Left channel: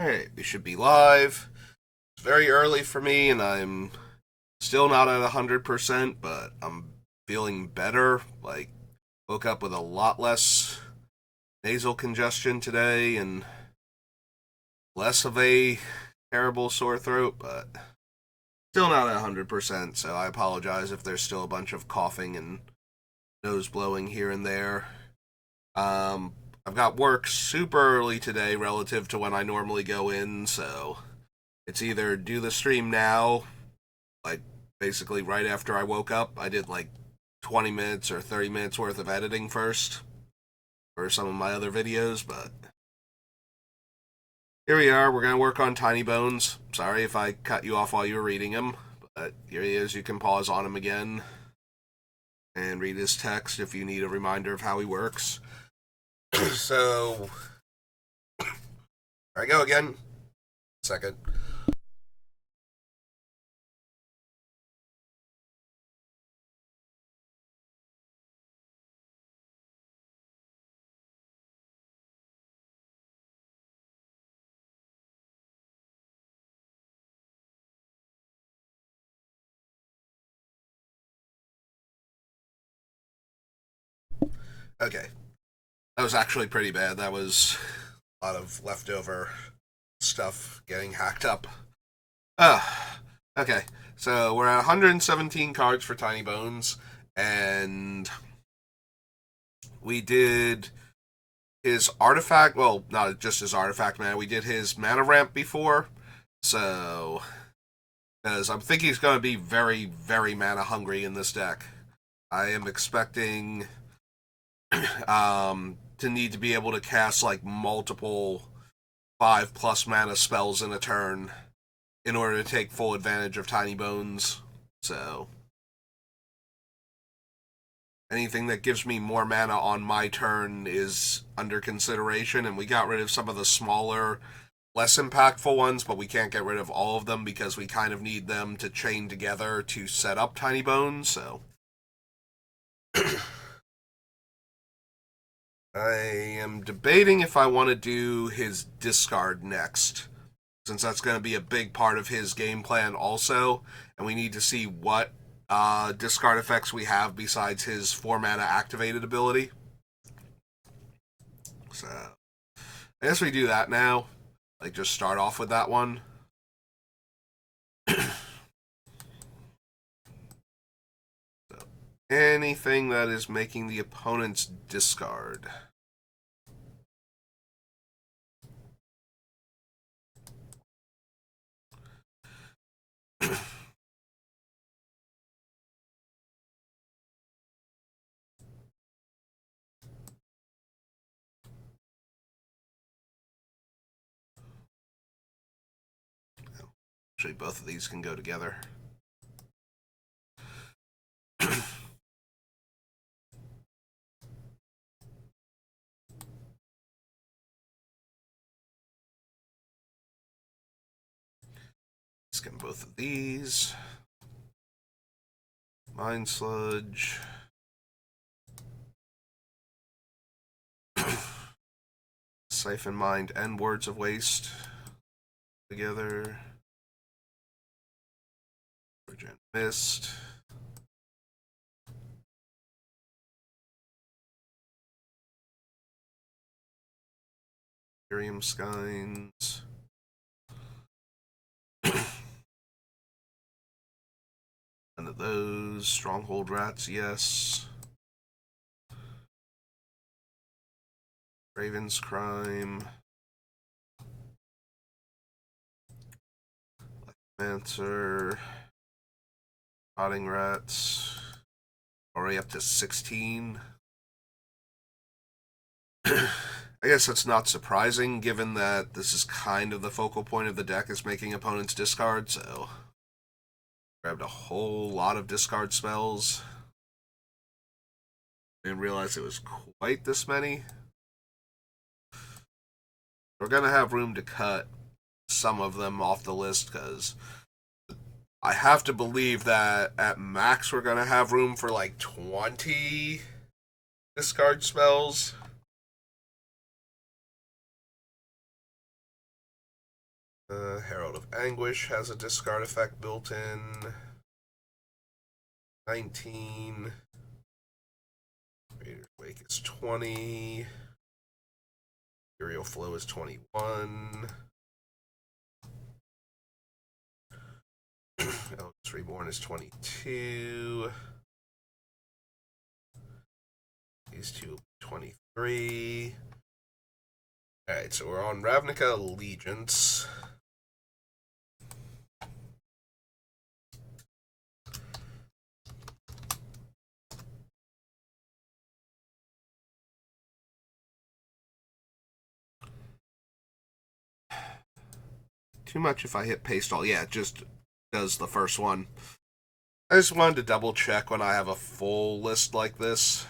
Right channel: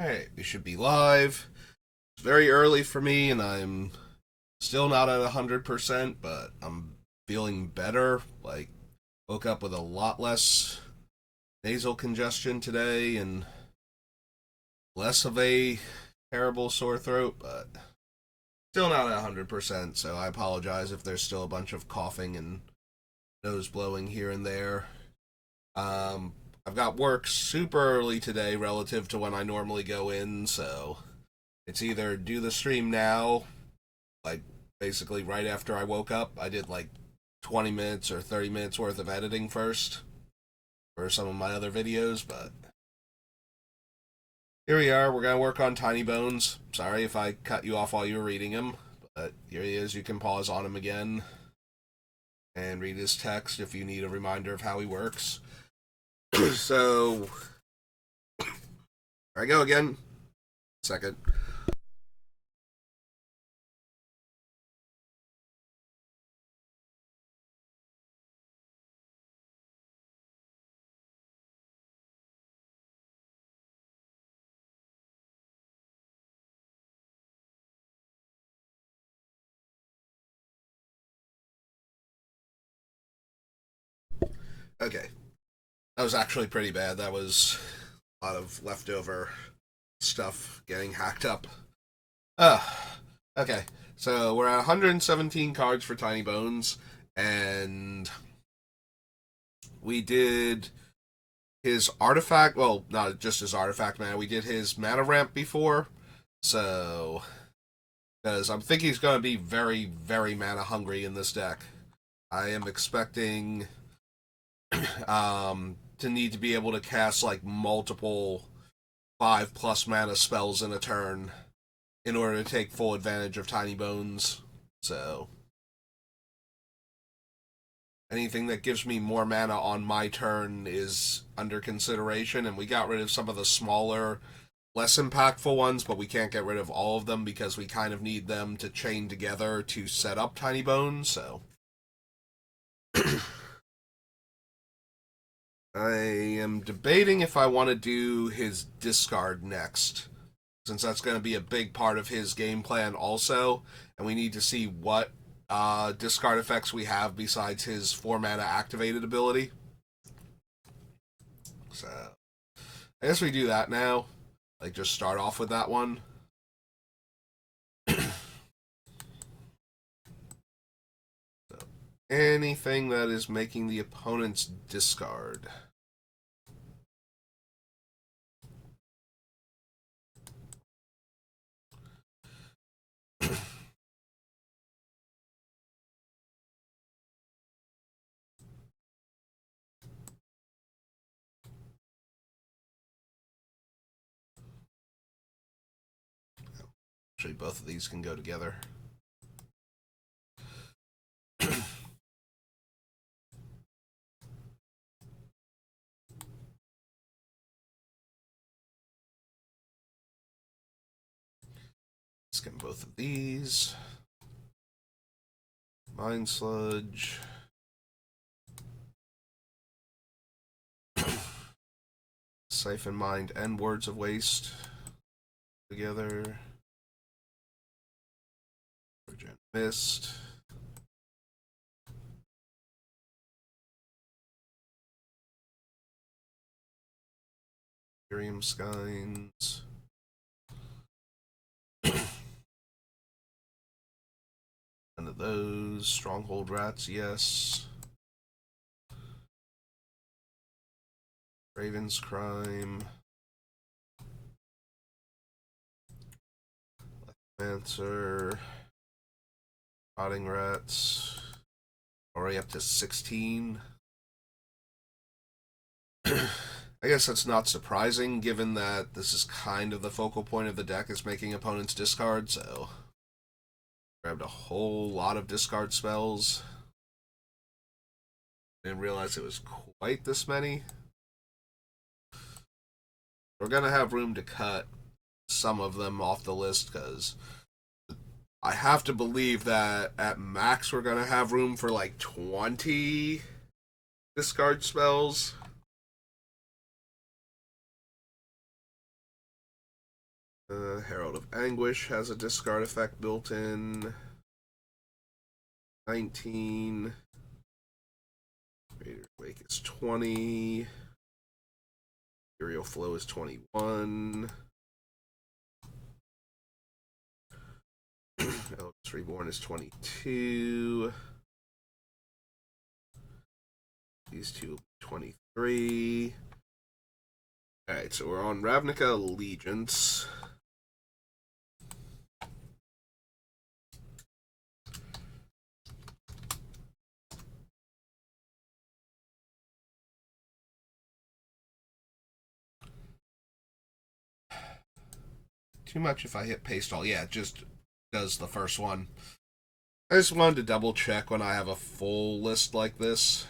Alright, we should be live. It's very early for me, and I'm still not at 100%, but I'm feeling better. Like, woke up with a lot less nasal congestion today and less of a terrible sore throat, but still not at 100%, so I apologize if there's still a bunch of coughing and nose blowing here and there. Um, I've got work super early today relative to when I normally go in, so it's either do the stream now, like basically right after I woke up. I did like 20 minutes or 30 minutes worth of editing first for some of my other videos, but here we are. We're going to work on Tinybones. Sorry if I cut you off while you were reading him, but here he is. You can pause on him again and read his text if you need a reminder of how he works. So, here I go again. Second. Okay. That was actually pretty bad. That was a lot of leftover stuff getting hacked up. Okay. So we're at 117 cards for Tinybones, and we did his artifact. Well, not just his artifact mana. We did his mana ramp before, so because I'm thinking he's going to be very, very mana hungry in this deck. I am expecting to need to be able to cast like multiple 5+ mana spells in a turn in order to take full advantage of Tinybones. So anything that gives me more mana on my turn is under consideration, and we got rid of some of the smaller, less impactful ones, but we can't get rid of all of them because we kind of need them to chain together to set up Tinybones, so I am debating if I want to do his discard next, since that's going to be a big part of his game plan also, and we need to see what discard effects we have besides his 4 mana activated ability. So I guess we do that now. Like, just start off with that one. So, anything that is making the opponent's discard. Actually, both of these can go together. Let's get both of these. Mind Sludge. Siphon Mind and Words of Waste together. Virgin Mist. Miriam Skynes. None of those. Stronghold Rats, yes. Raven's Crime. Answer. Rotting Rats. Already up to 16. I guess that's not surprising, given that this is kind of the focal point of the deck, is making opponents discard, so grabbed a whole lot of discard spells. Didn't realize it was quite this many. We're going to have room to cut some of them off the list, because I have to believe that at max we're going to have room for like 20 discard spells. Herald of Anguish has a discard effect built in. 19. Raider's Wake is 20. Imperial Flow is 21. Eldritch Reborn is 22. These two will be 23. Alright, so we're on Ravnica Allegiance. Too much if I hit paste all. Yeah, it just does the first one. I just wanted to double check when I have a full list like this.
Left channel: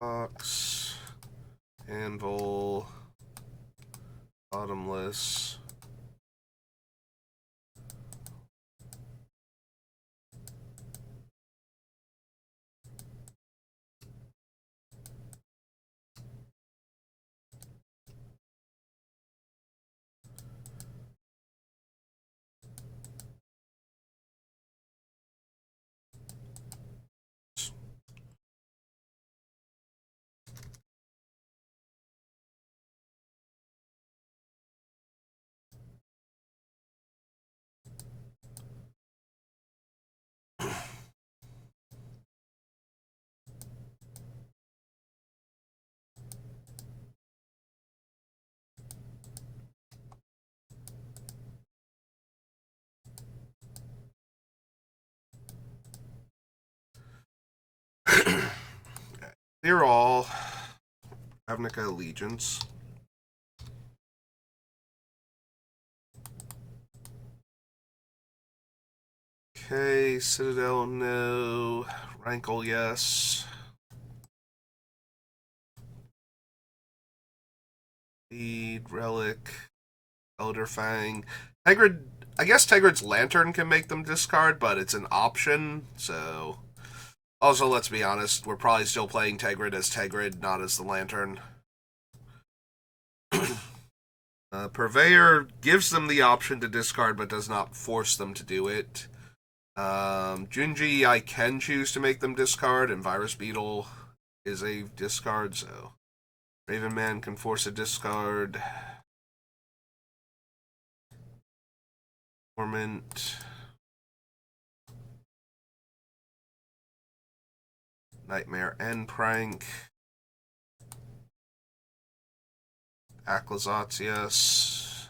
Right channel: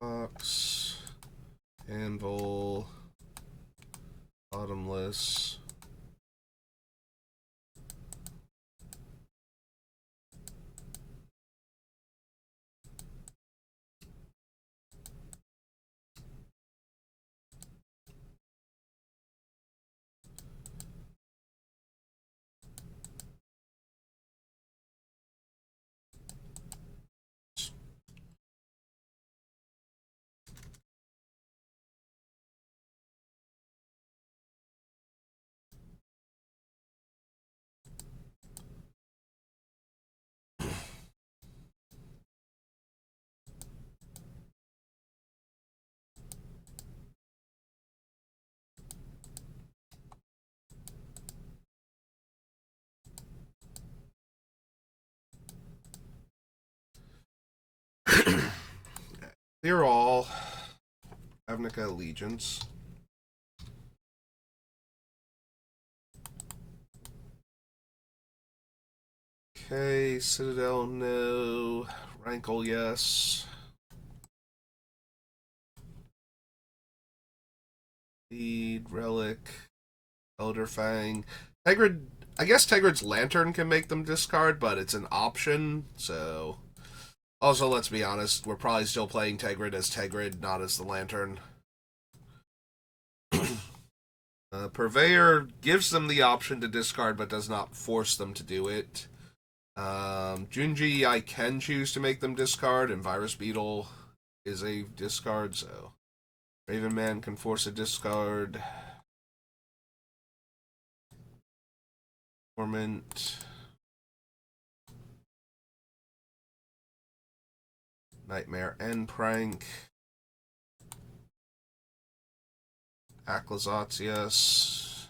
Box, Anvil, Bottomless. They're all Ravnica Allegiance. Okay, Citadel, no. Rankle, yes. Lead, Relic, Elderfang. Tegrid, I guess Tegrid's Lantern can make them discard, but it's an option, so... Also, let's be honest, we're probably still playing Tegrid as Tegrid, not as the Lantern. Purveyor gives them the option to discard, but does not force them to do it. Junji, I can choose to make them discard, and Virus Beetle is a discard, so Raven Man can force a discard. Torment. Nightmare and Prank. Aclazatius.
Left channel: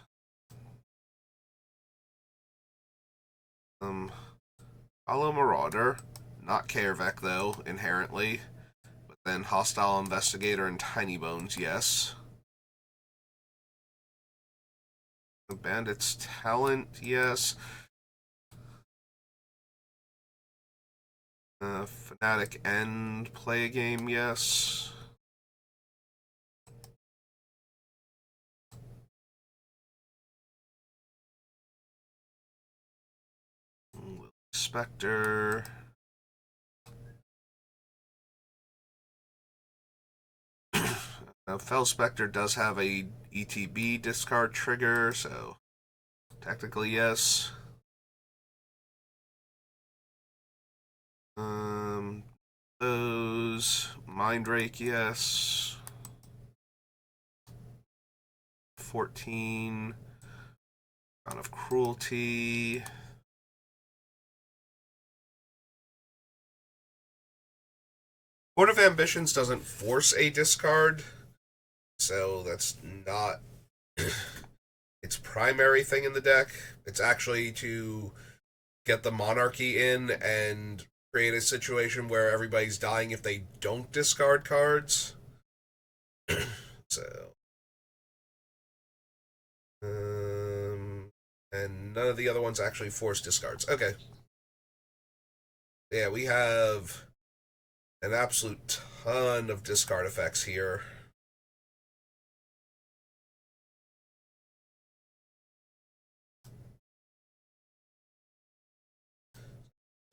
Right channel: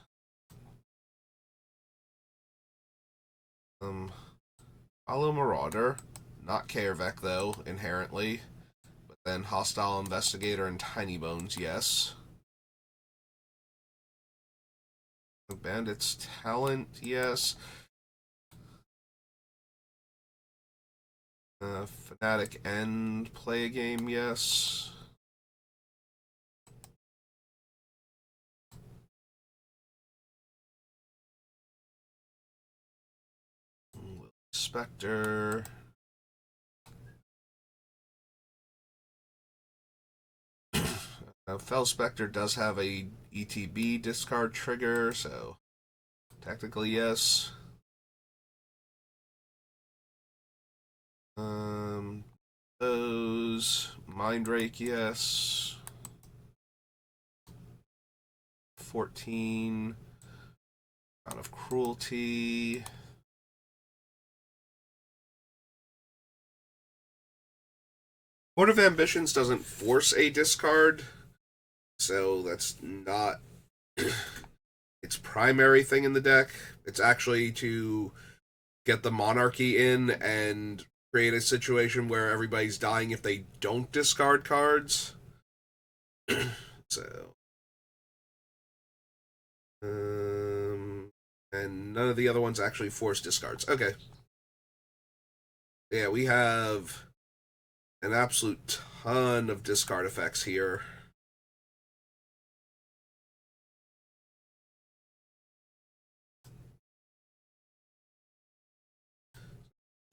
Hollow Marauder. Not Kaervek, though, inherently. But then Hostile Investigator and Tinybones, yes. Bandit's Talent, yes. Fnatic End, play a game, yes. Spectre. Fell Spectre does have a ETB discard trigger, so technically yes. Those Mindrake, yes. 14. Crown of Cruelty. Court of Ambitions doesn't force a discard, so that's not its primary thing in the deck. It's actually to get the Monarchy in and create a situation where everybody's dying if they don't discard cards. So, and none of the other ones actually force discards. Okay. Yeah, we have an absolute ton of discard effects here.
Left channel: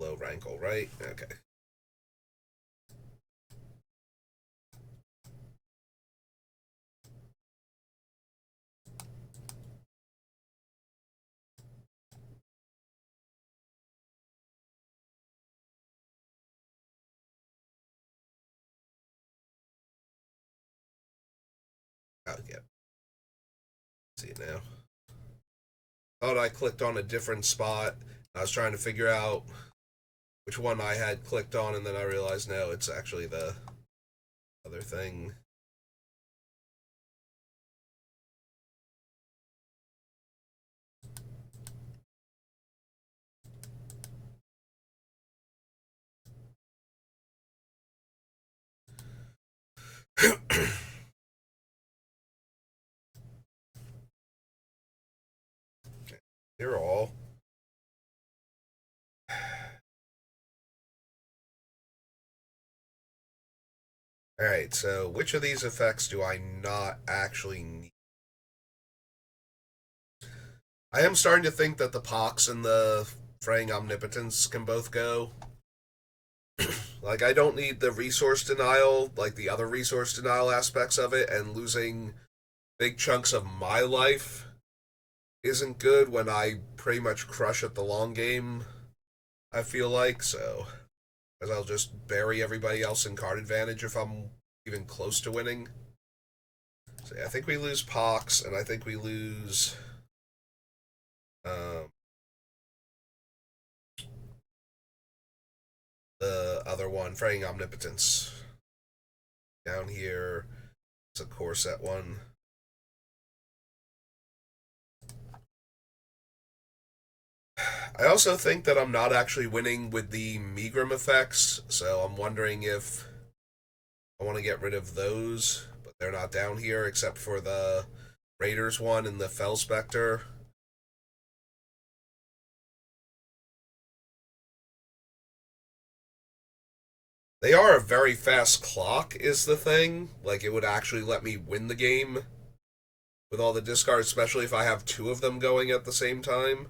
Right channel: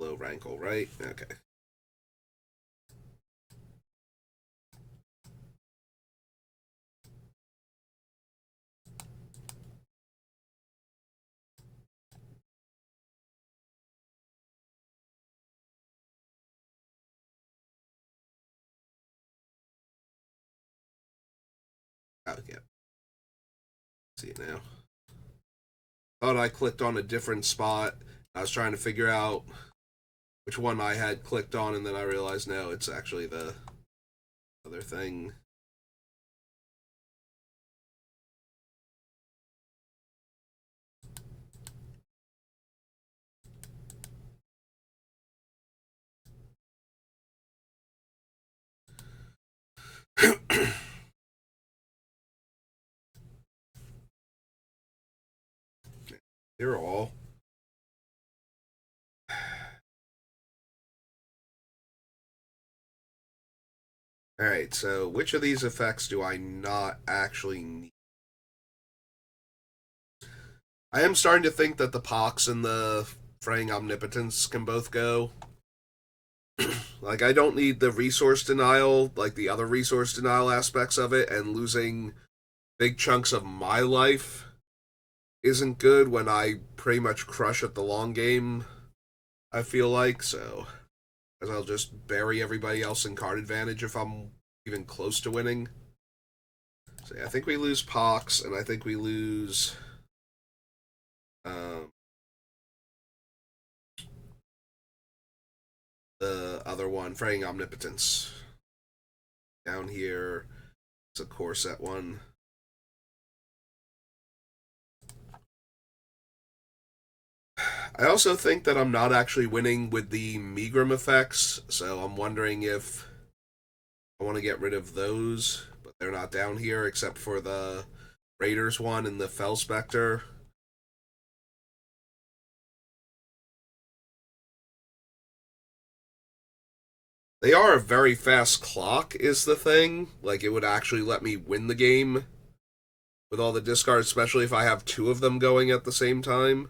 Low Rankle, right? Okay. Oh, yeah. See it now. Thought I clicked on a different spot. I was trying to figure out which one I had clicked on, and then I realized no, it's actually the other thing. They're all. Alright, so which of these effects do I not actually need? I am starting to think that the Pox and the Fraying Omnipotence can both go. Like, I don't need the resource denial, like the other resource denial aspects of it, and losing big chunks of my life isn't good when I pretty much crush at the long game, I feel like, so. Because I'll just bury everybody else in card advantage if I'm even close to winning. So yeah, I think we lose Pox, and I think we lose the other one, Fraying Omnipotence. Down here, it's a core set one. I also think that I'm not actually winning with the Megrim effects, so I'm wondering if I want to get rid of those, but they're not down here except for the Raiders one and the Fell Spectre. They are a very fast clock, is the thing. Like, it would actually let me win the game with all the discards, especially if I have two of them going at the same time.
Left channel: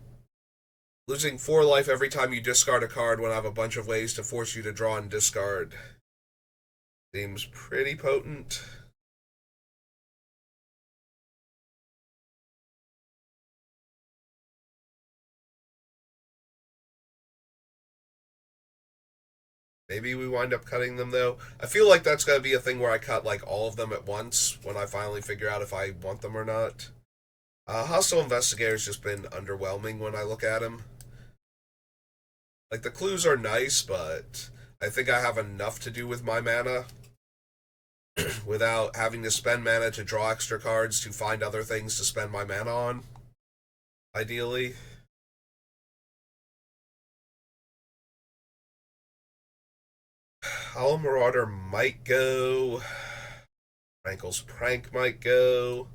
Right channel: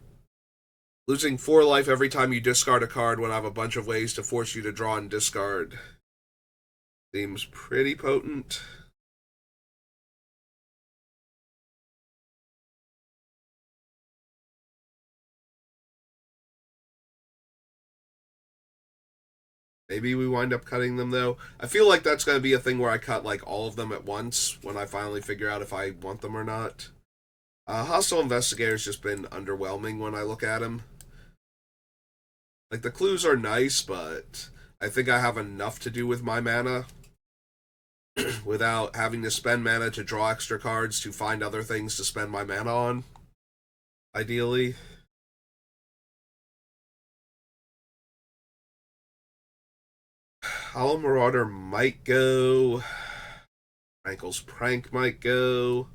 Losing 4 life every time you discard a card when I have a bunch of ways to force you to draw and discard seems pretty potent. Maybe we wind up cutting them, though. I feel like that's going to be a thing where I cut, like, all of them at once when I finally figure out if I want them or not. Hostile Investigator's just been underwhelming when I look at him. Like, the clues are nice, but I think I have enough to do with my mana without having to spend mana to draw extra cards to find other things to spend my mana on, ideally. Hollow Marauder might go. Rankle's Prank might go.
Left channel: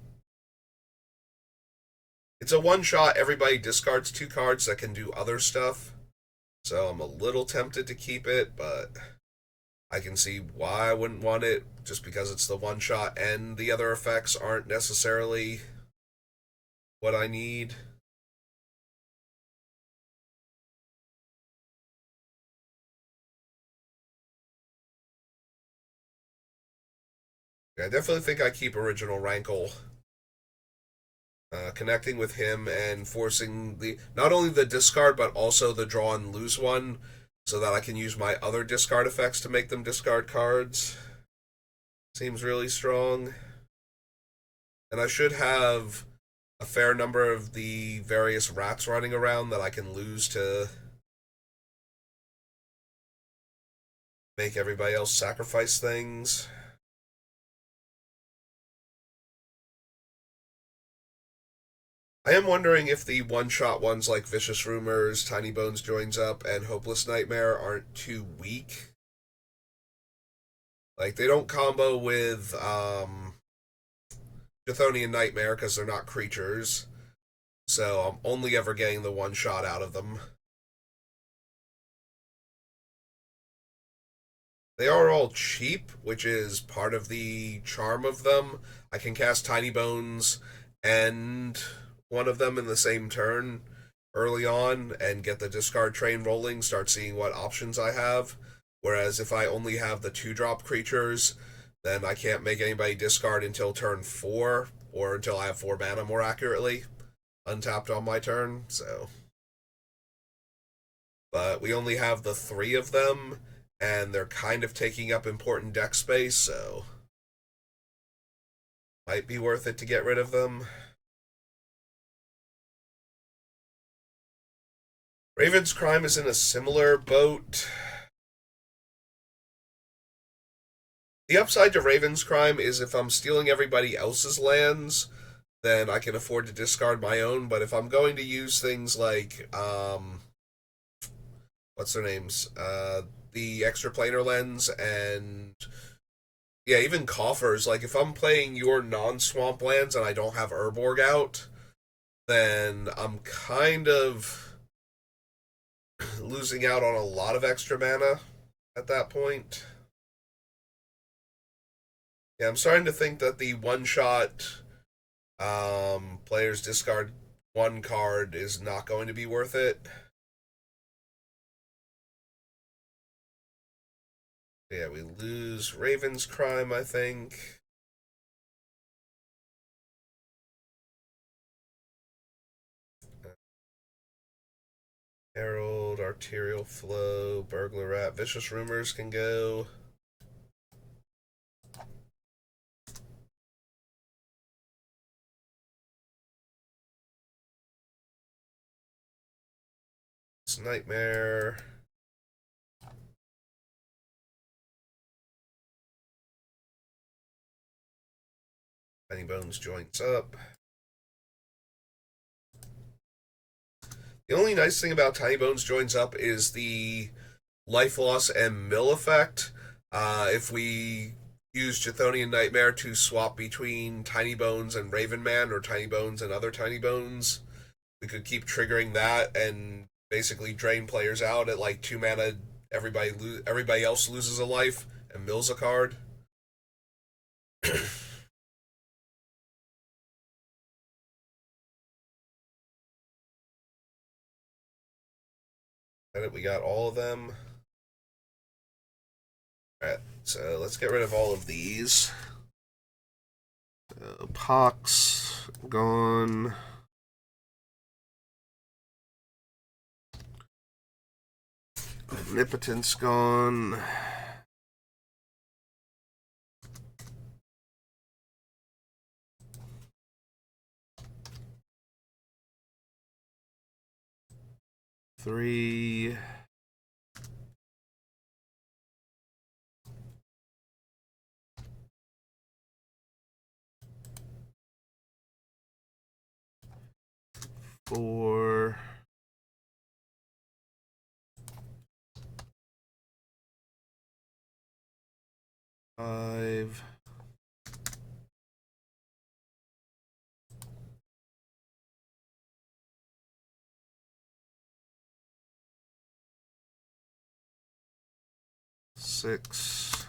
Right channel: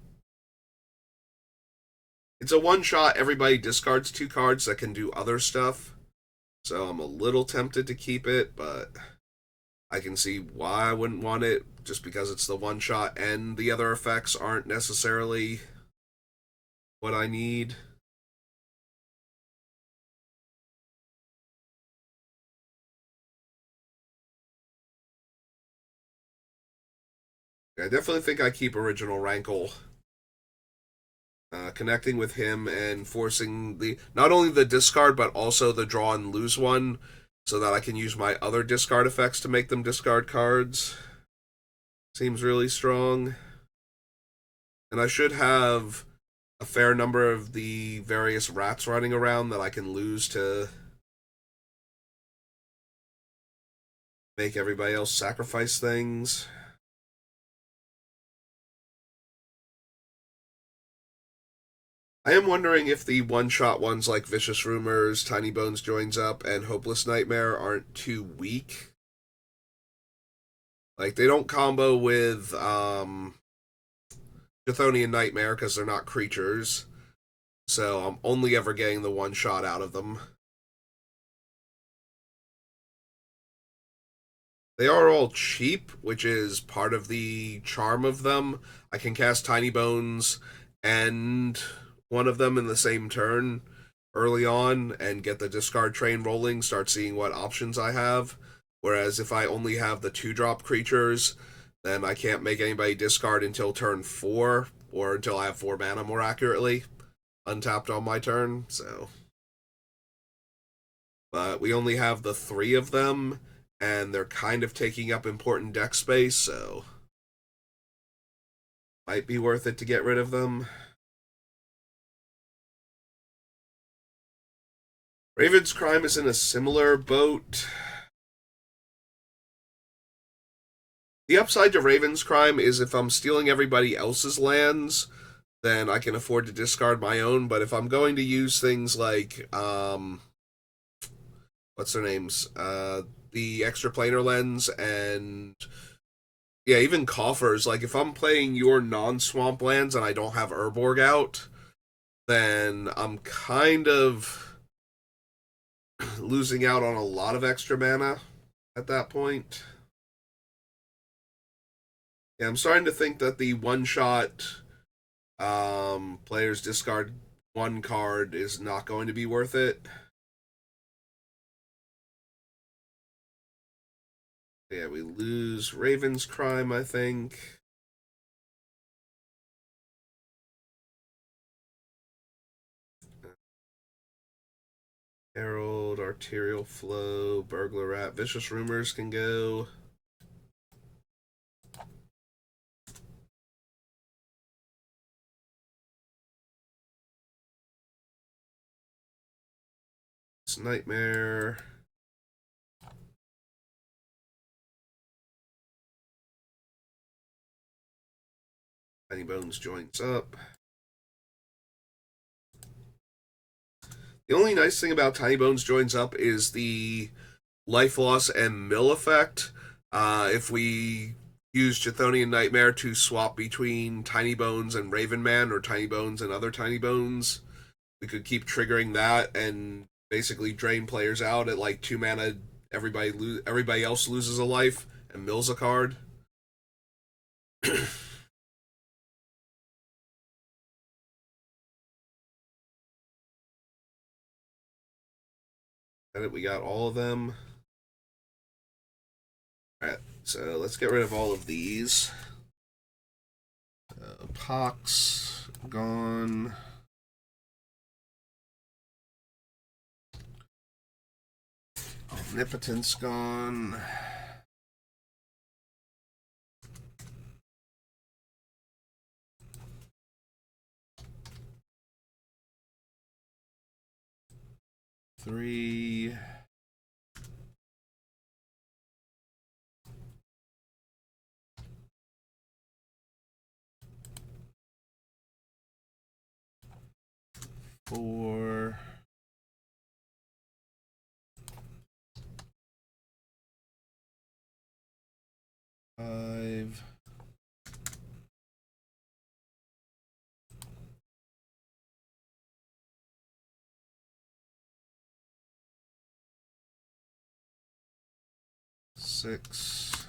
It's a one-shot, everybody discards 2 cards that can do other stuff. So I'm a little tempted to keep it, but I can see why I wouldn't want it, just because it's the one-shot and the other effects aren't necessarily what I need. I definitely think I keep original Rankle. Connecting with him and forcing the not only the discard but also the draw and lose one, so that I can use my other discard effects to make them discard cards. Seems really strong. And I should have a fair number of the various rats running around that I can lose to make everybody else sacrifice things. I am wondering if the one-shot ones like Vicious Rumors, Tinybones joins up, and Hopeless Nightmare aren't too weak. Like, they don't combo with Chthonian Nightmare because they're not creatures, so I'm only ever getting the one-shot out of them. They are all cheap, which is part of the charm of them. I can cast Tinybones and one of them in the same turn early on and get the discard train rolling, start seeing what options I have. Whereas if I only have the 2-drop creatures, then I can't make anybody discard until turn 4, or until I have 4 mana, more accurately, untapped on my turn, so. But we only have the 3 of them, and they're kind of taking up important deck space, so might be worth it to get rid of them. Raven's Crime is in a similar boat. The upside to Raven's Crime is if I'm stealing everybody else's lands, then I can afford to discard my own. But if I'm going to use things like, what's their names? The extra planar lens and, yeah, even coffers. Like, if I'm playing your non-swamp lands and I don't have Urborg out, then I'm kind of losing out on a lot of extra mana at that point. Yeah, I'm starting to think that the one-shot players discard one card is not going to be worth it. Yeah, we lose Raven's Crime, I think. Herald, Arterial Flow, Burglar Rat, Vicious Rumors can go. Nightmare. Tinybones joins up. The only nice thing about Tinybones joins up is the life loss and mill effect. If we use Chthonian Nightmare to swap between Tinybones and Ravenman, or Tinybones and other Tinybones, we could keep triggering that and basically drain players out at like 2 mana. Everybody else loses a life and mills a card. We got all of them. Alright, so let's get rid of all of these. So, Pox, gone. Omnipotence, gone. Three. Four. Five. Six.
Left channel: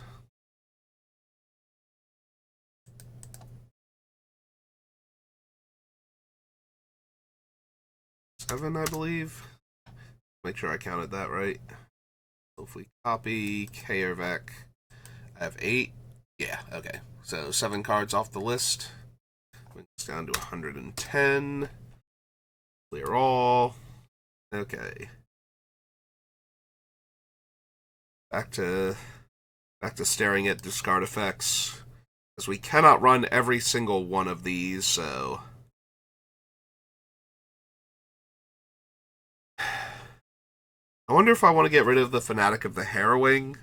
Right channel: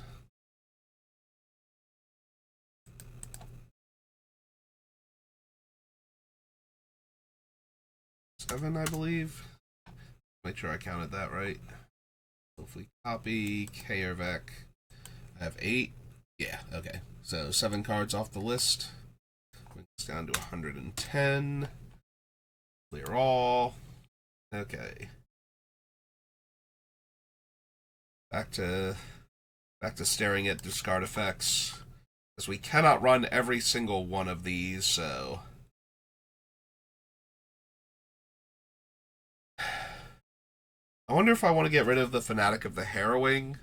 Seven, I believe. Make sure I counted that right. Hopefully copy, Kaervek. I have 8. Yeah, okay. So 7 cards off the list. Brings down to 110. Clear all. Okay. Back to staring at discard effects. Because we cannot run every single one of these, so I wonder if I want to get rid of the Fanatic of the Harrowing.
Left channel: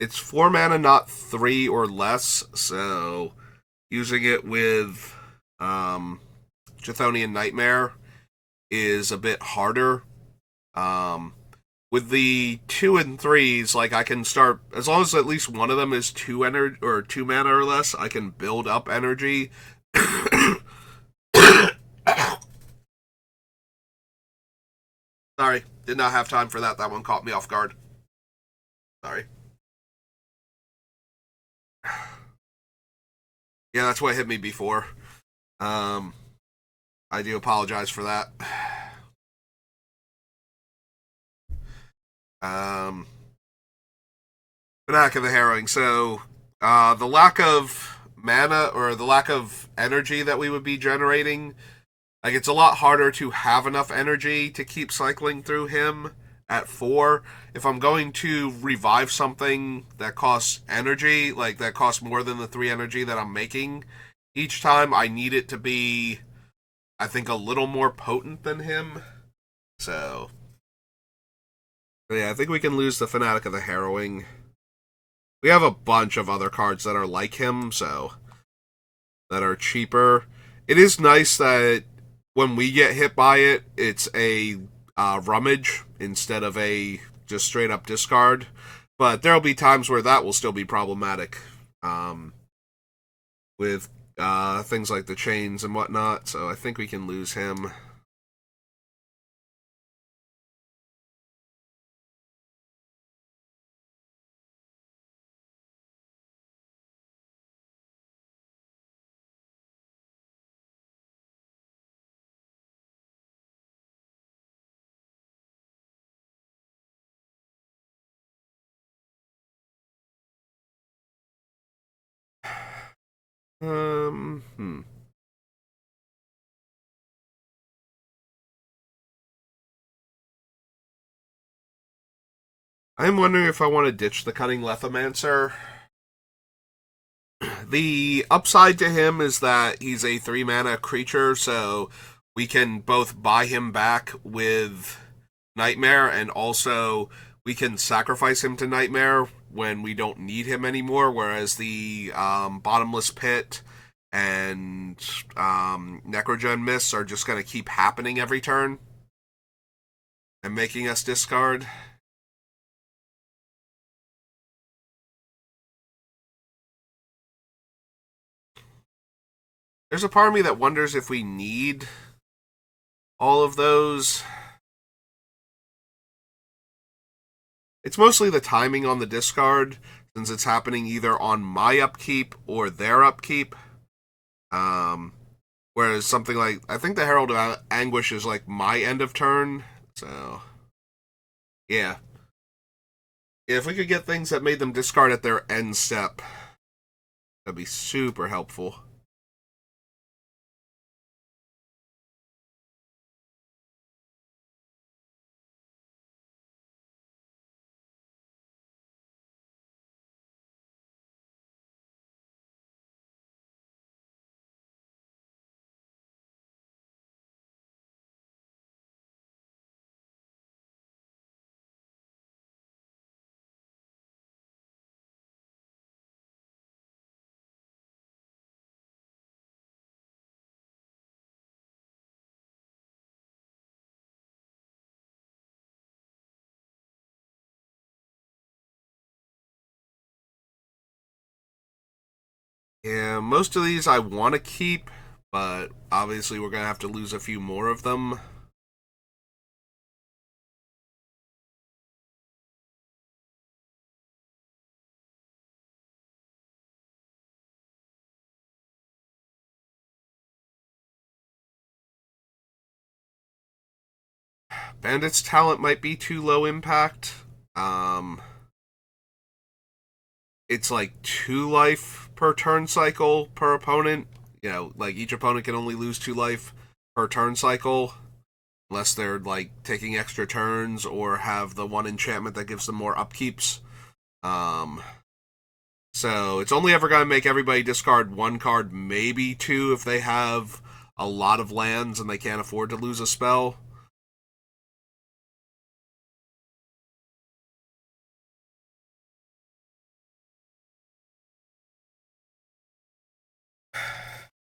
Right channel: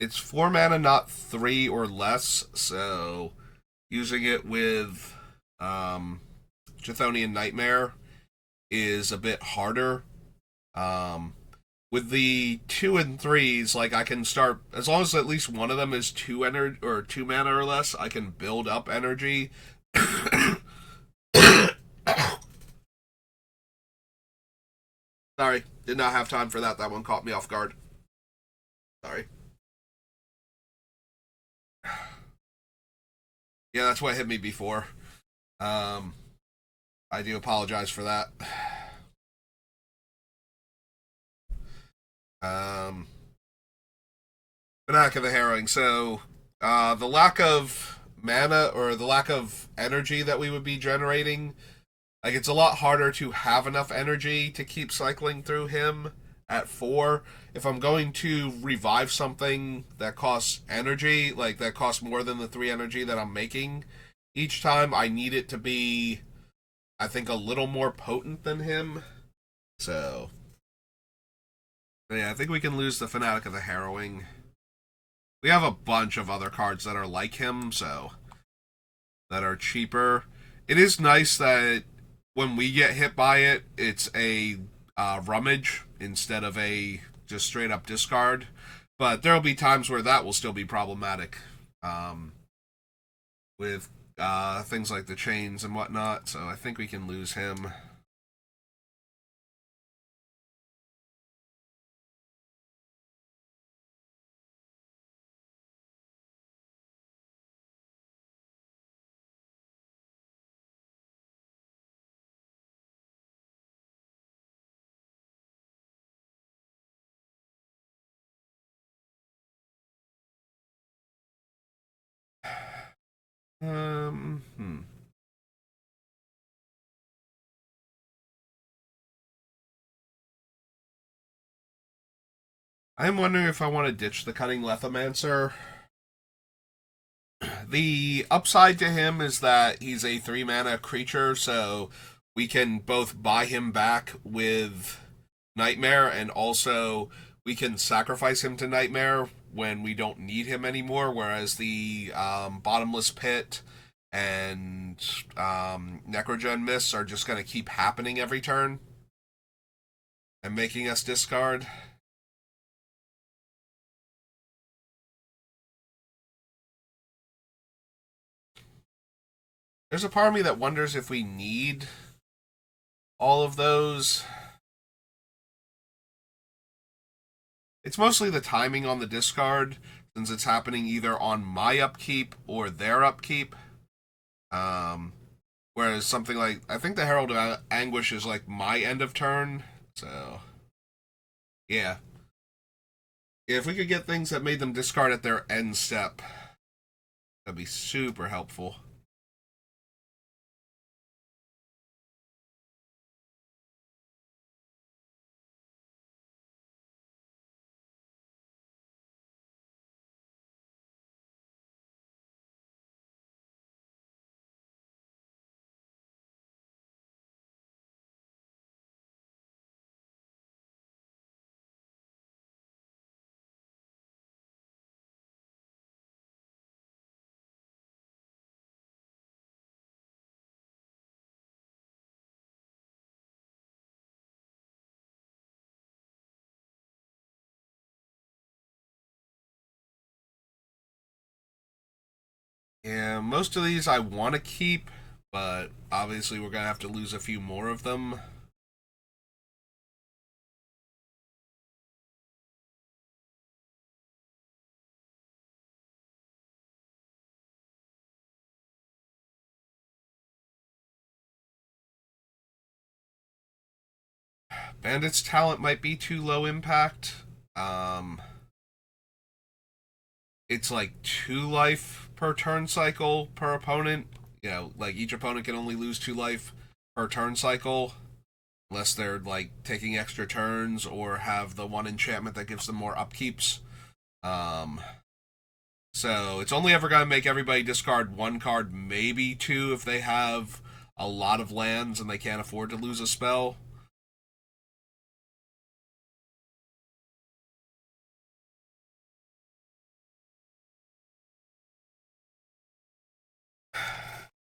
It's 4 mana, not 3 or less, so using it with Chthonian Nightmare is a bit harder. With the 2 and 3s, like, I can start, as long as at least one of them is 2 mana or less, I can build up energy. Sorry, did not have time for that. That one caught me off guard. Sorry. Yeah, that's what hit me before. I do apologize for that. Fanatic of the Harrowing. So, the lack of mana, or the lack of energy that we would be generating, like, it's a lot harder to have enough energy to keep cycling through him at 4. If I'm going to revive something that costs energy, like that costs more than the 3 energy that I'm making each time, I need it to be, I think, a little more potent than him. So, yeah, I think we can lose the Fanatic of the Harrowing. We have a bunch of other cards that are like him, so that are cheaper. It is nice that when we get hit by it, it's a rummage instead of a just straight up discard. But there'll be times where that will still be problematic with things like the chains and whatnot. So I think we can lose him. Um, hmm. I'm wondering if I want to ditch the Cunning Lethomancer. The upside to him is that he's a 3 mana creature, so we can both buy him back with Nightmare, and also we can sacrifice him to Nightmare when we don't need him anymore, whereas the Bottomless Pit and Necrogen Mists are just going to keep happening every turn and making us discard. There's a part of me that wonders if we need all of those. It's mostly the timing on the discard, since it's happening either on my upkeep or their upkeep. Whereas something like, I think the Herald of Anguish is like my end of turn. So, yeah. If we could get things that made them discard at their end step, that'd be super helpful. Yeah, most of these I want to keep, but obviously we're going to have to lose a few more of them. Bandit's talent might be too low impact. Um, it's like 2 life per turn cycle per opponent. You know, like each opponent can only lose 2 life per turn cycle, unless they're like taking extra turns or have the one enchantment that gives them more upkeeps. Um, so it's only ever going to make everybody discard 1 card, maybe 2 if they have a lot of lands and they can't afford to lose a spell.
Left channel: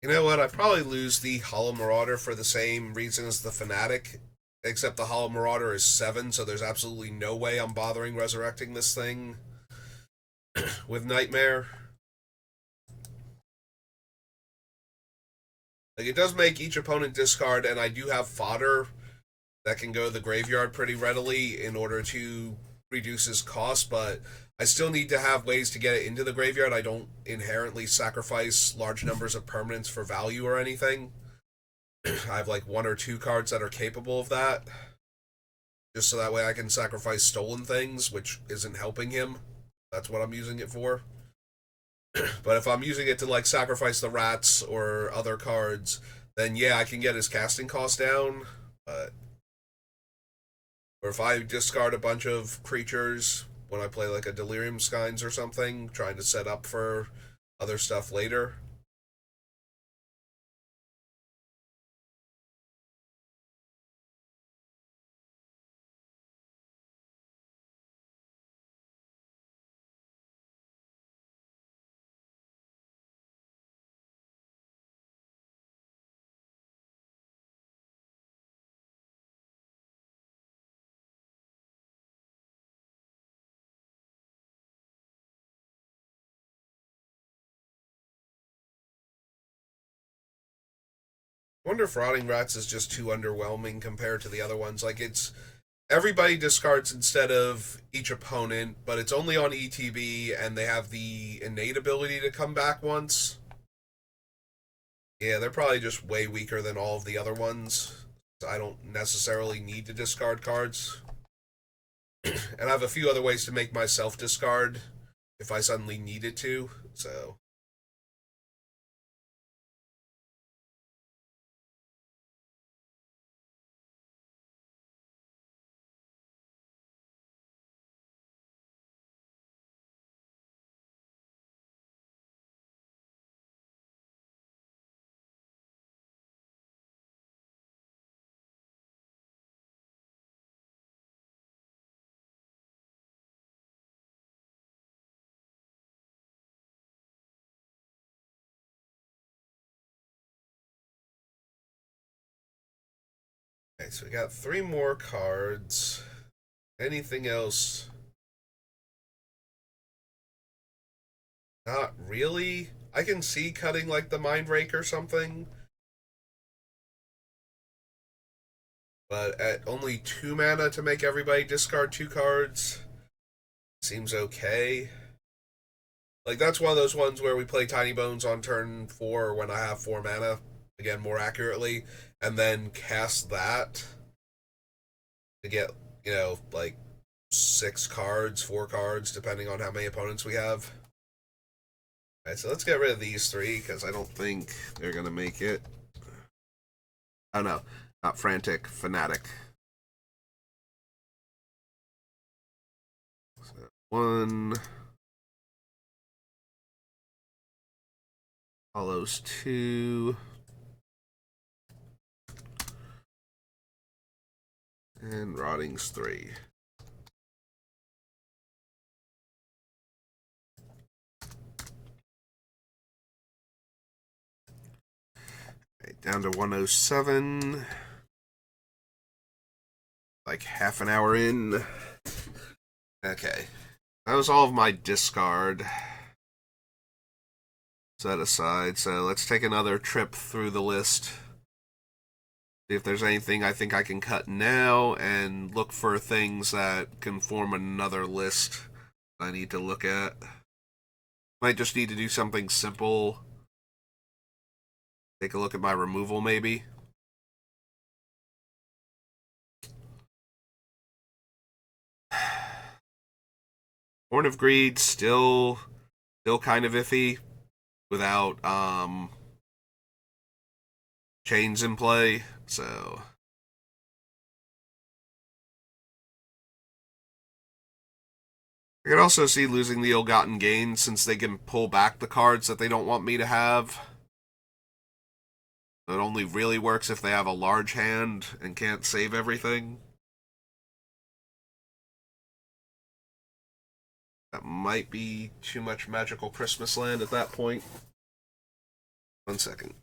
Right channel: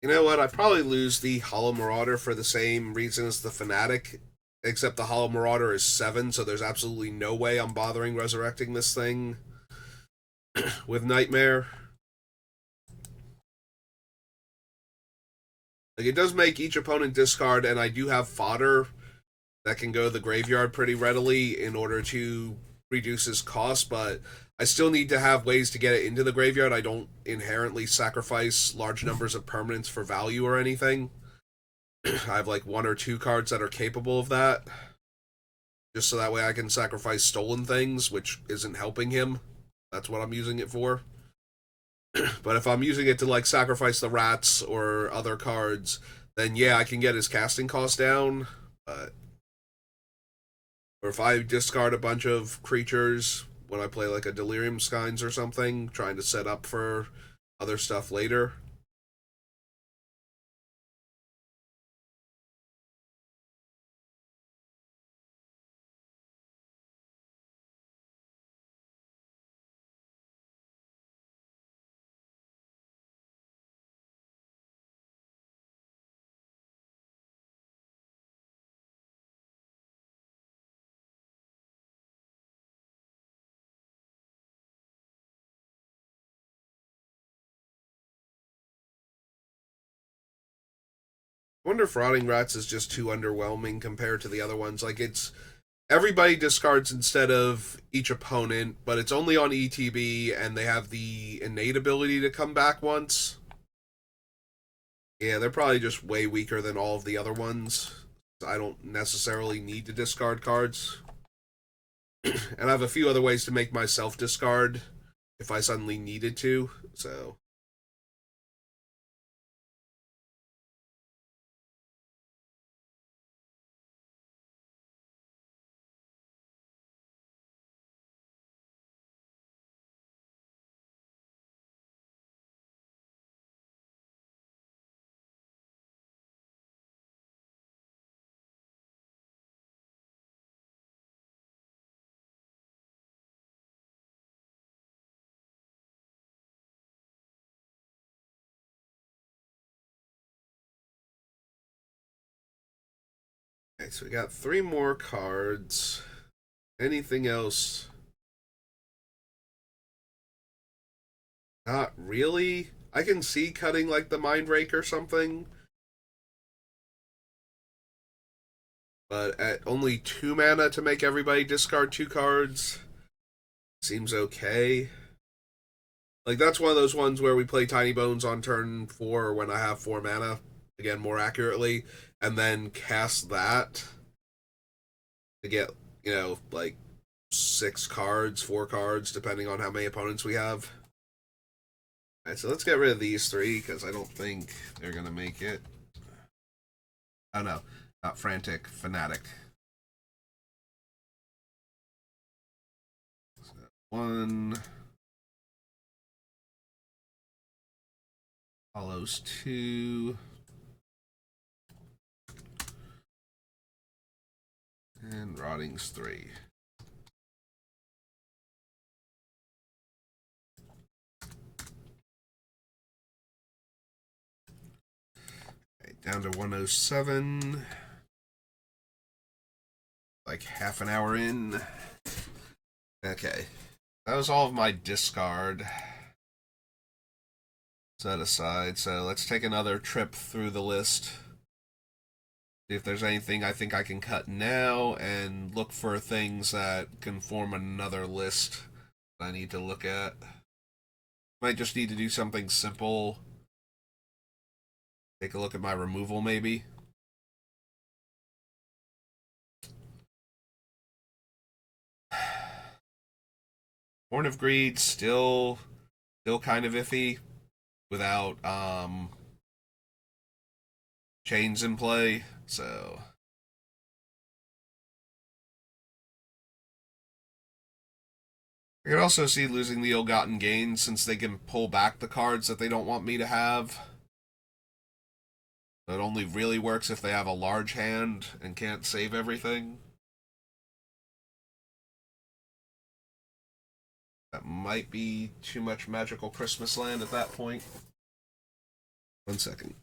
You know what? I'd probably lose the Hollow Marauder for the same reason as the Fanatic, except the Hollow Marauder is 7, so there's absolutely no way I'm bothering resurrecting this thing with Nightmare. Like, it does make each opponent discard, and I do have fodder that can go to the graveyard pretty readily in order to reduce his cost, but I still need to have ways to get it into the graveyard. I don't inherently sacrifice large numbers of permanents for value or anything. I have like 1 or 2 cards that are capable of that. Just so that way I can sacrifice stolen things, which isn't helping him. That's what I'm using it for. But if I'm using it to like sacrifice the rats or other cards, then yeah, I can get his casting cost down. But Or if I discard a bunch of creatures when I play like a Delirium Skynes or something, trying to set up for other stuff later. I wonder if Rotting Rats is just too underwhelming compared to the other ones. Like, it's everybody discards instead of each opponent, but it's only on ETB, and they have the innate ability to come back once. Yeah, they're probably just way weaker than all of the other ones. I don't necessarily need to discard cards. And I have a few other ways to make myself discard if I suddenly needed to, so... Okay, so we got 3 more cards. Anything else? Not really. I can see cutting like the Mind Rake or something. But at only 2 mana to make everybody discard 2 cards seems okay. Like, that's one of those ones where we play Tinybones on turn 4 when I have 4 mana, again, more accurately, and then cast that to get, like 6 cards, 4 cards, depending on how many opponents we have. Alright, so let's get rid of these 3, because I don't think they're going to make it. Oh no, not Frantic, Fanatic. So 1... Follows 2. And Rotting's 3. Okay, down to 107. Like half an hour in. Okay. That was all of my discard set aside. So let's take another trip through the list. See if there's anything I think I can cut now, and look for things that can form another list I need to look at. Might just need to do something simple. Take a look at my removal, maybe. Horn of Greed still kind of iffy without chains in play, so I could also see losing the Ill-Gotten Gains since they can pull back the cards that they don't want me to have. It only really works if they have a large hand and can't save everything. That might be too much Magical Christmas Land at that point. 1 second.